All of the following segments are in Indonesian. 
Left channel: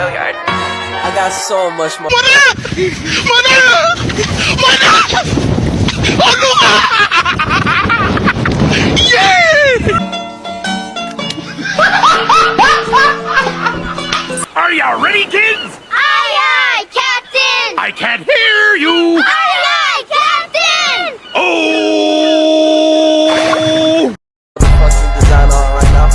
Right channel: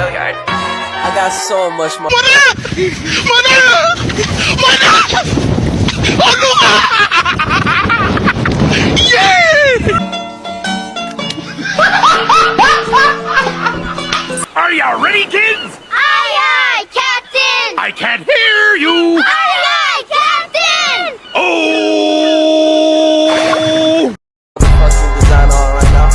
Gilliard. I got so much more. Are ya ready, kids? Aye, aye, Captain! I can't hear you. Aye, aye, Captain! Oh! Fucking design on right now.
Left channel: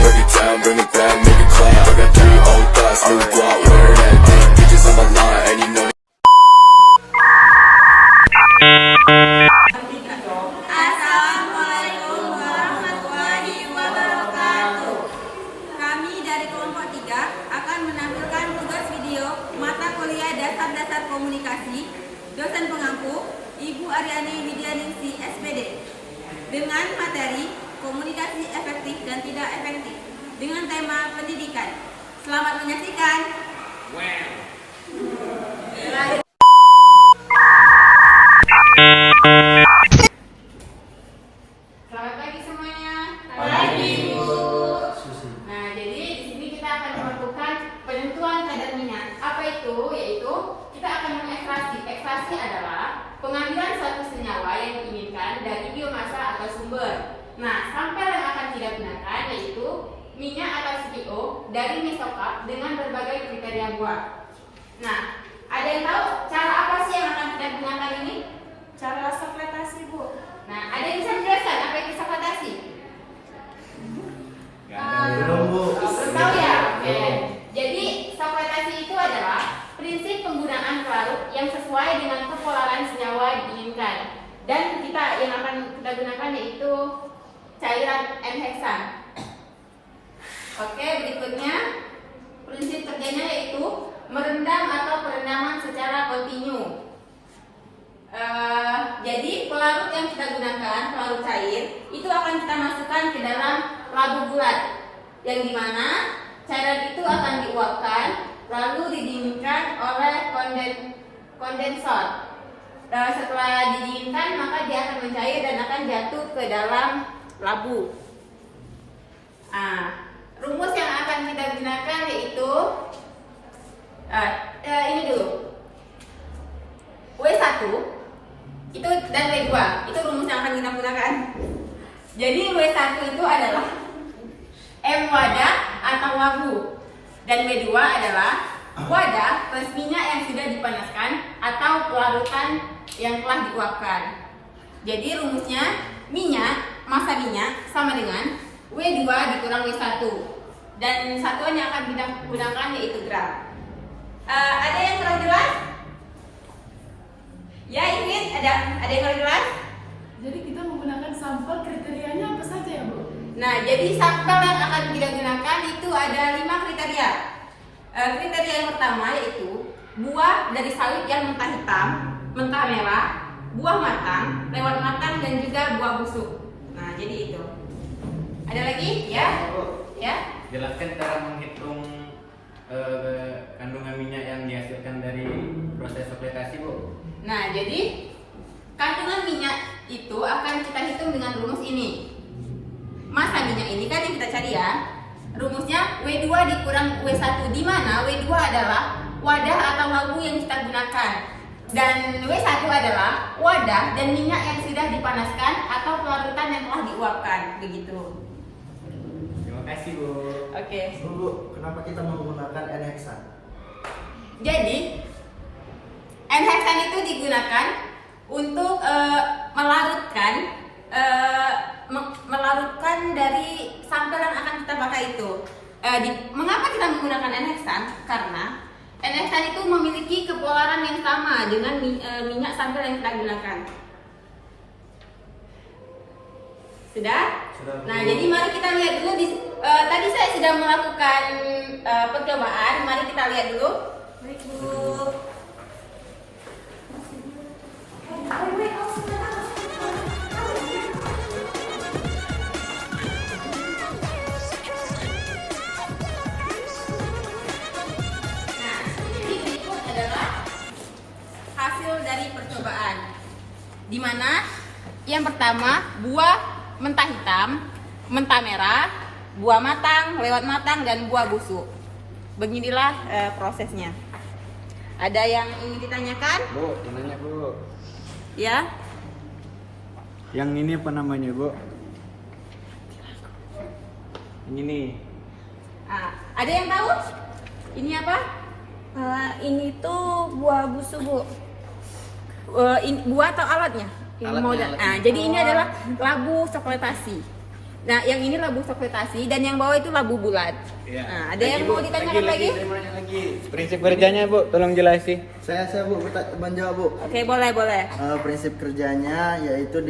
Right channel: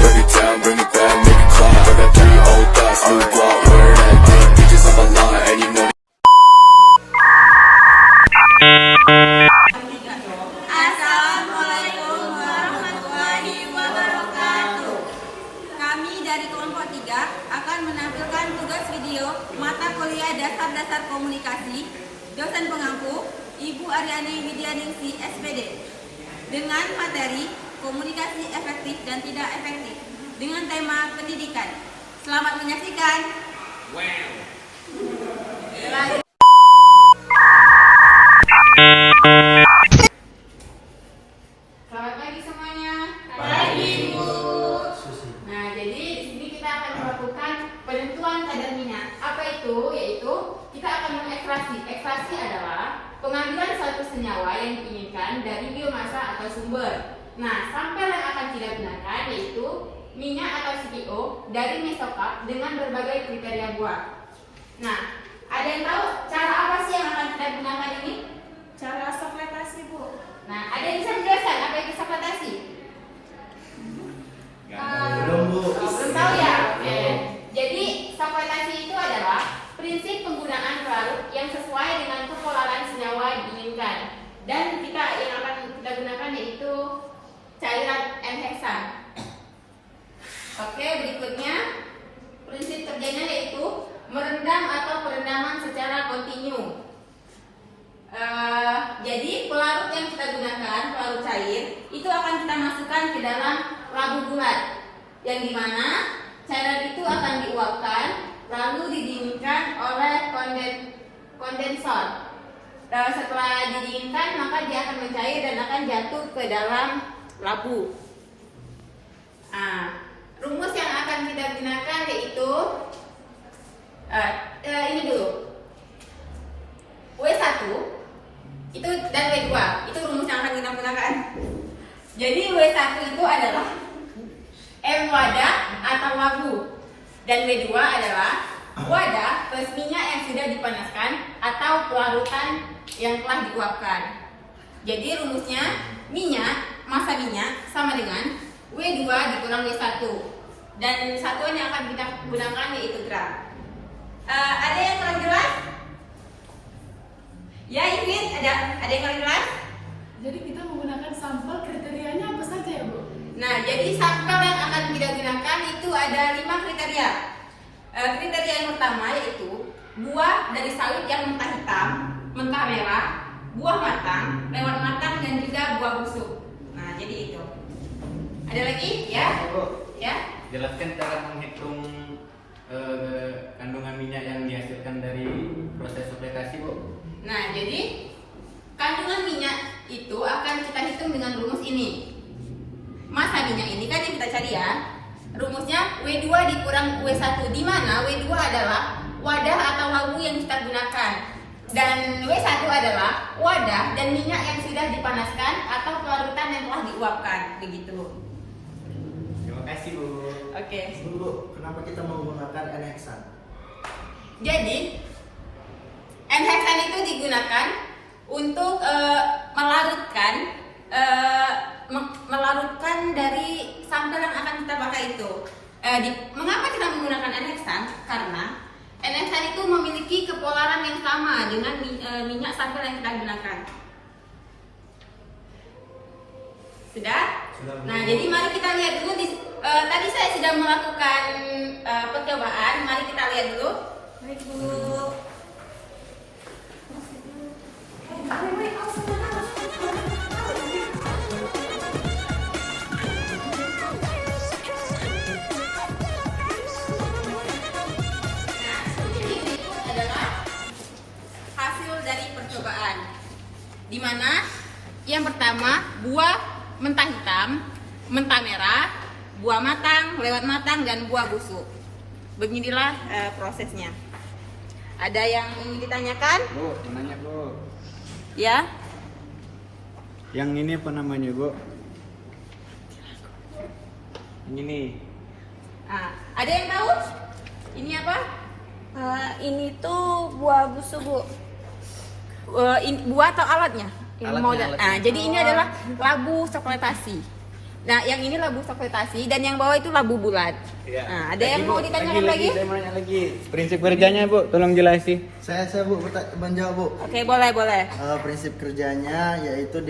Break it down, bring it back, make it clap. I got 3 old thoughts, new guap, where that thing. Bitches on my line, and you know Assalamualaikum warahmatullahi wabarakatuh. Kami dari kelompok 3 akan menampilkan tugas video mata kuliah dasar-dasar komunikasi dosen pengampu Ibu Aryani Widyaningsi SPD dengan materi komunikasi efektif dan tidak efektif dengan tema pendidikan. Selamat menyaksikan. Selamat pagi semuanya. Pagi, Bu. Nah, jadi di sini kita akan melakukan penentuan kadar minyak. Apa itu? Yaitu kita akan mengekstraksi. Ekstraksi adalah pengambilan suatu senyawa yang diinginkan dari biomasa atau sumber. Nah, sampel yang akan kita gunakan yaitu minyak atau CPO dari mesokarp dengan berbagai kriteria buah. Nah, ada yang tahu cara apa sih yang akan kita gunakan ini? Cara sekretasi, Bu. Nah, ada yang bisa menjelaskan apa itu sekretasi? Belum, Bu. Belum tahu ya? Oke. Jadi, sekretasi itu adalah prinsip penggunaan pelarut yang sesuai dengan kepolaran senyawa diinginkan. Dan yang akan kita gunakan yaitu cairan N-heksan. Oke, berikutnya prinsip kerjanya yaitu merendam atau perendaman secara kontinu. Jadi pelarut yang kita gunakan, pelarut cair, itu akan kita masukkan ke dalam labu bulat, yang dimana cairan itu akan diuapkan lalu didinginkan oleh kondensor. Setelah didinginkan maka dia akan mencair dan akan jatuh ke dalam labu. Rumus yang akan kita gunakan yaitu ini dulu, W1 itu dan W2 itu rumus yang akan kita gunakan. Jadi W1 itu adalah M wadah atau labu dan W2 adalah wadah plus minyak yang sudah dipanaskan atau pelarutan yang telah diuapkan. Jadi rumusnya massa minyak sama dengan W2 dikurang W1 dan satuan yang akan kita gunakan yaitu gram. Ada yang kurang jelas? Ya, ingin ada yang kurang jelas? Jadi kita menggunakan sampel kriterianya apa saja ya, Bu? Nah, jadi sampel yang akan kita gunakan itu ada 5 kriteria. Kriteria yang pertama yaitu buah dari sawit yang mentah hitam, mentah merah, buah matang, lewat matang dan juga buah busuk. Nah, jadi itu. Ada lagi? Ya? Ya? Jelaskan cara menghitung kandungan minyak yang dihasilkan dari proses fermentasi, Bu. Nah, jadi kandungan minyak itu akan kita hitung dengan rumus ini. Massa minyak ini kan yang kita cari ya. Rumusnya W2 dikurang W1, di mana W2 adalah wadah atau labu yang kita gunakan. Dan W1 adalah wadah dan minyak yang sudah dipanaskan atau pelarutan yang telah diuapkan. Begitu. Terima kasih, Bu. Oke. Bu, kenapa kita menggunakan N-heksan? Jadi N-heksan itu digunakan untuk melarutkan dari sampel yang akan kita pakai itu. Mengapa kita menggunakan N-heksan? Karena N-heksan itu memiliki kepolaran yang sama dengan minyak sampel yang kita gunakan. Sudah? Sudah, Bu. Nah, jadi mari kita lihat dulu. Tadi saya sudah melakukan percobaan. Mari kita lihat dulu. Baik, Bu. Di mana yang pertama buah mentah hitam, mentah merah, buah matang, lewat matang dan buah busuk. beginilah prosesnya. Ada yang ingin ditanyakan? Bu, yang nanya Bu. Ya. Yang ini apa namanya, Bu? Ini. Ada yang tahu? Ini apa? Ini tuh buah busu, Bu. Buah atau alatnya? Jadi ini adalah labu coklatasi. Nah, yang ini labu coklatasi dan yang bawah itu labu bulat. Iya. Ada yang mau ditanyakan lagi? Saya mau nanya lagi. Prinsip kerjanya Bu, tolong jelasin. Saya Bu, menjawab Bu. Oke, boleh. Prinsip kerjanya yaitu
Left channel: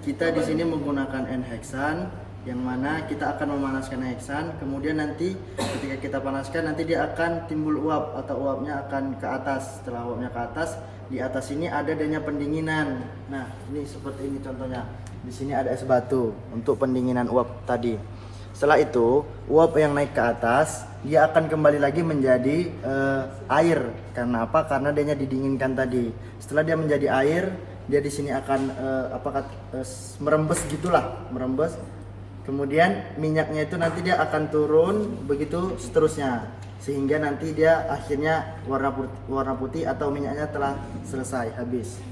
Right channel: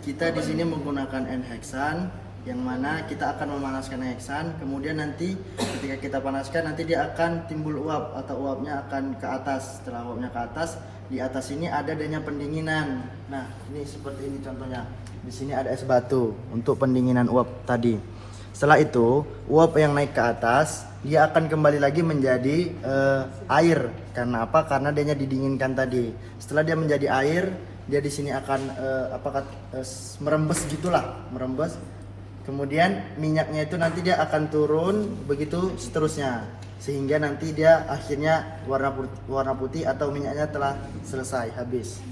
kita di sini menggunakan N-hexan, yang mana kita akan memanaskan hexan, kemudian nanti ketika kita panaskan nanti dia akan timbul uap atau uapnya akan ke atas. Setelah uapnya ke atas, di atas ini ada adanya pendinginan. Nah, ini seperti ini contohnya. Di sini ada es batu untuk pendinginan uap tadi. Setelah itu, uap yang naik ke atas, dia akan kembali lagi menjadi air. Karena apa? Karena dia didinginkan tadi. Setelah dia menjadi air, dia di sini akan merembes gitulah, merembes. Kemudian minyaknya itu nanti dia akan turun begitu seterusnya, sehingga nanti dia akhirnya warna putih atau minyaknya telah selesai habis.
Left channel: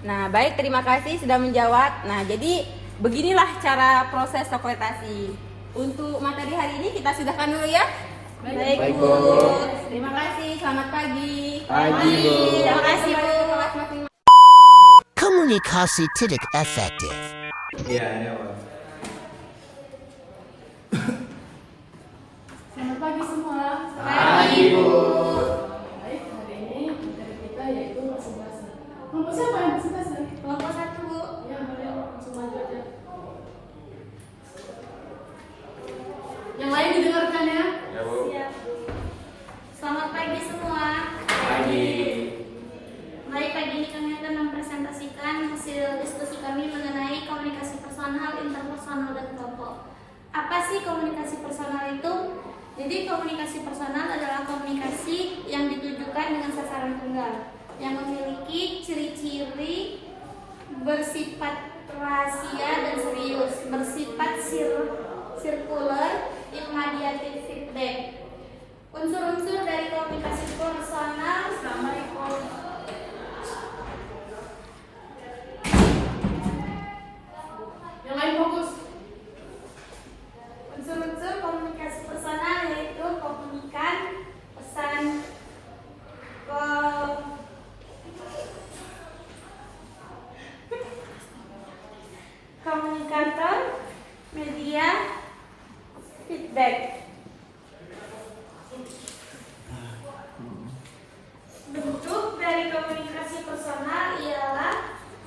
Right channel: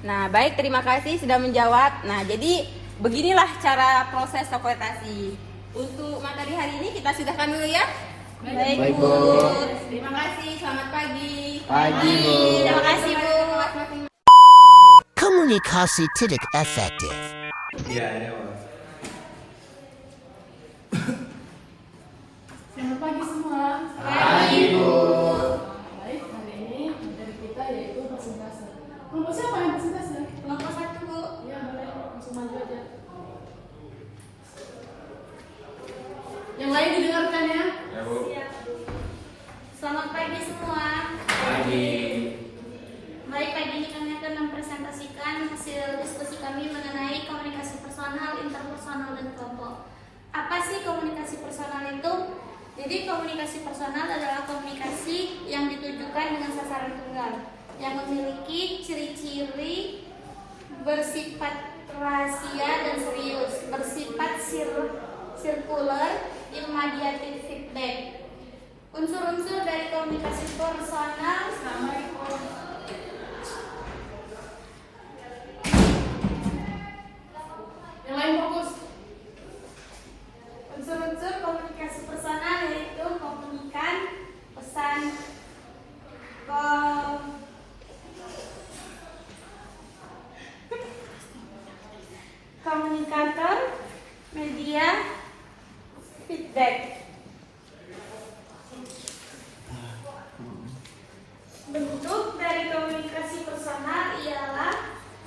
Nah, baik, terima kasih sudah menjawab. Nah, jadi beginilah cara proses coklatasi. Untuk materi hari ini kita sudahkan dulu ya. Baik, Bu. Terima kasih. Selamat pagi. Pagi, Bu. Terima kasih, Bu. Komunikasi tidak efektif. Iya, ini Pak. Selamat pagi semua. Pagi, Bu. Baik, hari ini materi kita yaitu persentase. Kelompok siapa yang persentase? Kelompok 1, Bu. Ya, boleh langsung maju aja. Yang lain didengarkan ya. Ya Bu. Selamat pagi semua. Pagi. Baik, pagi ini kami akan mempresentasikan hasil diskusi kami mengenai komunikasi personal, interpersonal, dan kelompok. Apa sih komunikasi personal itu? Jadi komunikasi personal adalah komunikasi yang ditujukan dengan sasaran tunggal, yang memiliki ciri-ciri bersifat rahasia dan serius, bersifat sirkular, imediatif feedback. Unsur-unsur dari komunikasi personal. Assalamualaikum. Yang lain fokus. Unsur-unsur komunikasi personal yaitu komunikan, pesan, komunikator, media, feedback. Bentuk dari komunikasi personal ialah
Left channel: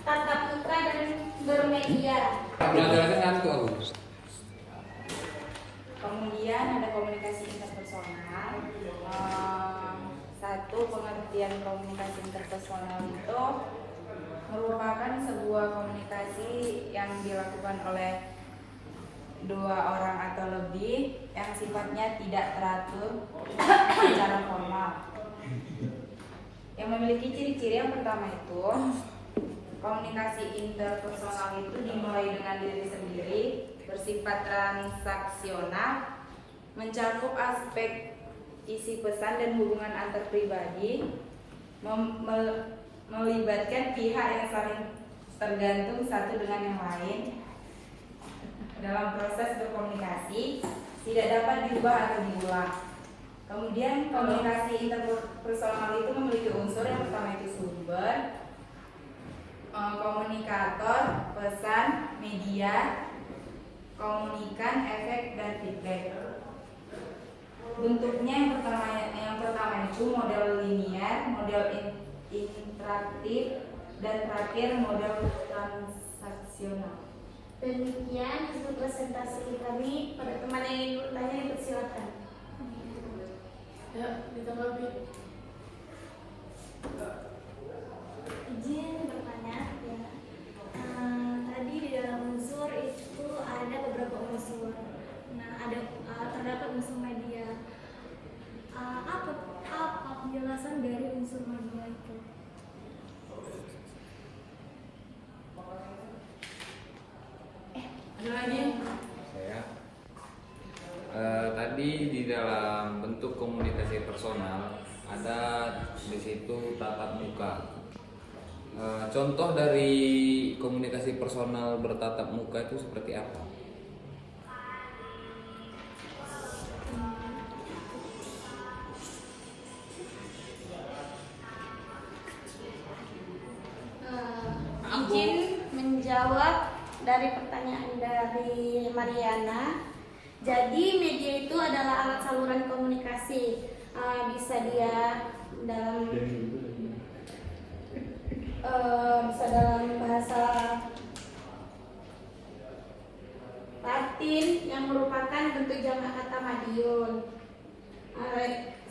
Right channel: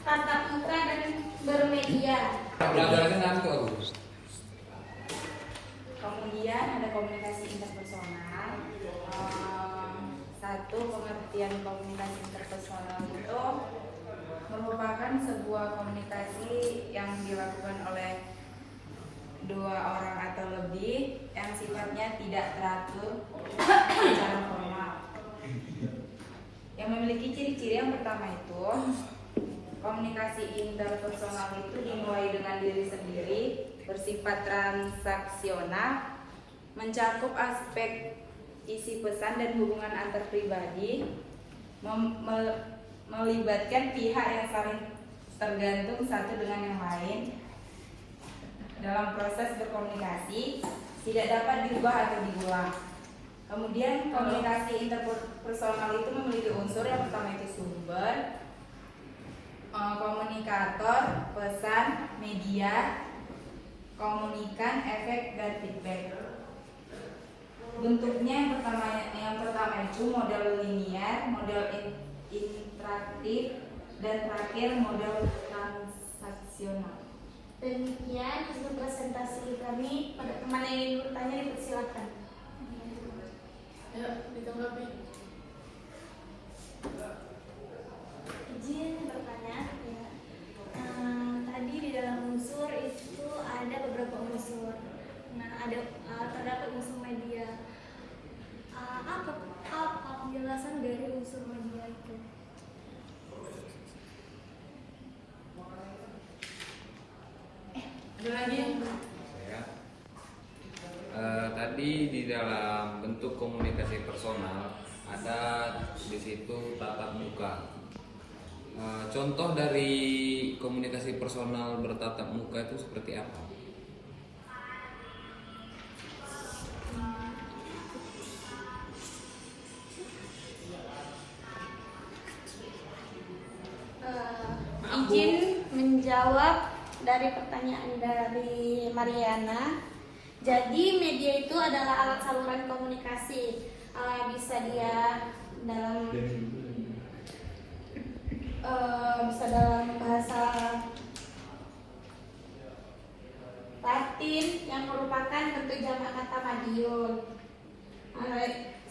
tatap muka dan bermedia. Kemudian ada komunikasi interpersonal. Satu, pengertian komunikasi interpersonal itu merupakan sebuah komunikasi yang dilakukan oleh dua orang atau lebih yang sifatnya tidak teratur secara formal. Yang memiliki ciri-ciri yang pertama itu, komunikasi interpersonal itu dimulai dengan diri sendiri, bersifat transaksional, mencakup aspek isi pesan dan hubungan antar pribadi, melibatkan pihak yang saling tergantung satu dengan yang lain. Dalam proses berkomunikasi tidak dapat diubah atau dibuang. Kemudian komunikasi interpersonal itu memiliki unsur yang pertama itu sumber, komunikator, pesan, media, komunikan, efek, dan feedback. Bentuknya yang pertama itu model linear, model interaktif, dan terakhir model transaksional. Demikian untuk presentasi kami. Pada teman yang ingin bertanya dipersilakan. Ayo, ditanggapi. Izin bertanya. Tadi di dalam unsur itu ada beberapa unsur. Nah, terdapat unsur media. Apa penjelasan dari unsur media itu? Ada lagi? Tadi di dalam bentuk untuk komunikasi personal ada di situ tatap muka. Contoh dari komunikasi personal bertatap muka itu seperti apa? Izin menjawab dari pertanyaan dari Mariana. Jadi media itu adalah alat saluran komunikasi. Bisa dia dalam bahasa Latin yang merupakan bentuk jamak kata madiun.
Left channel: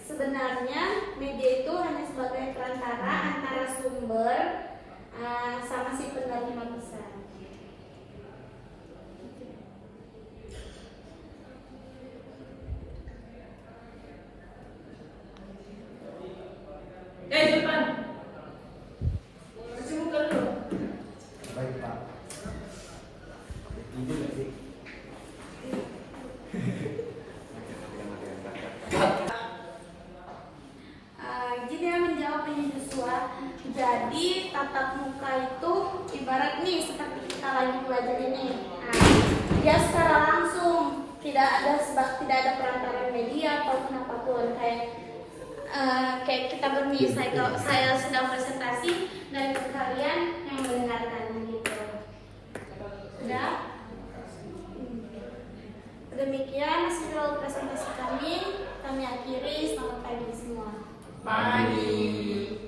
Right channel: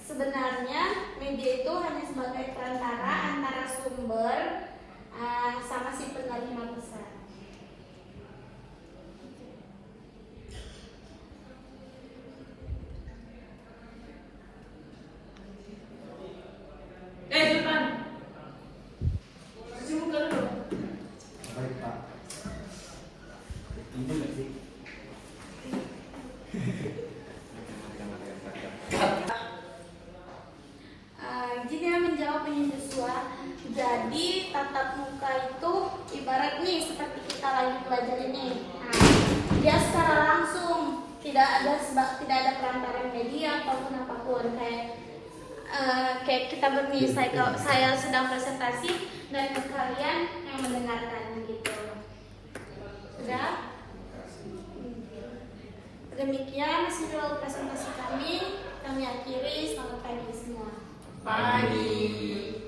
Sebenarnya media itu hanya sebagai perantara antara sumber sama si penerima pesan. Depan. Cuci muka dulu. Baik Pak. Ibu nggak sih? Jadi menjawab ini Joshua. Jadi tatap muka itu ibarat nih seperti kita lagi belajar ini. Dia secara langsung, tidak ada perantara media ataupun apapun. Kayak kita bermisal, kalau saya sedang presentasi dan kalian yang mendengarkan gitu. Sudah? Demikian hasil presentasi kami akhiri. Selamat pagi semua. Pagi.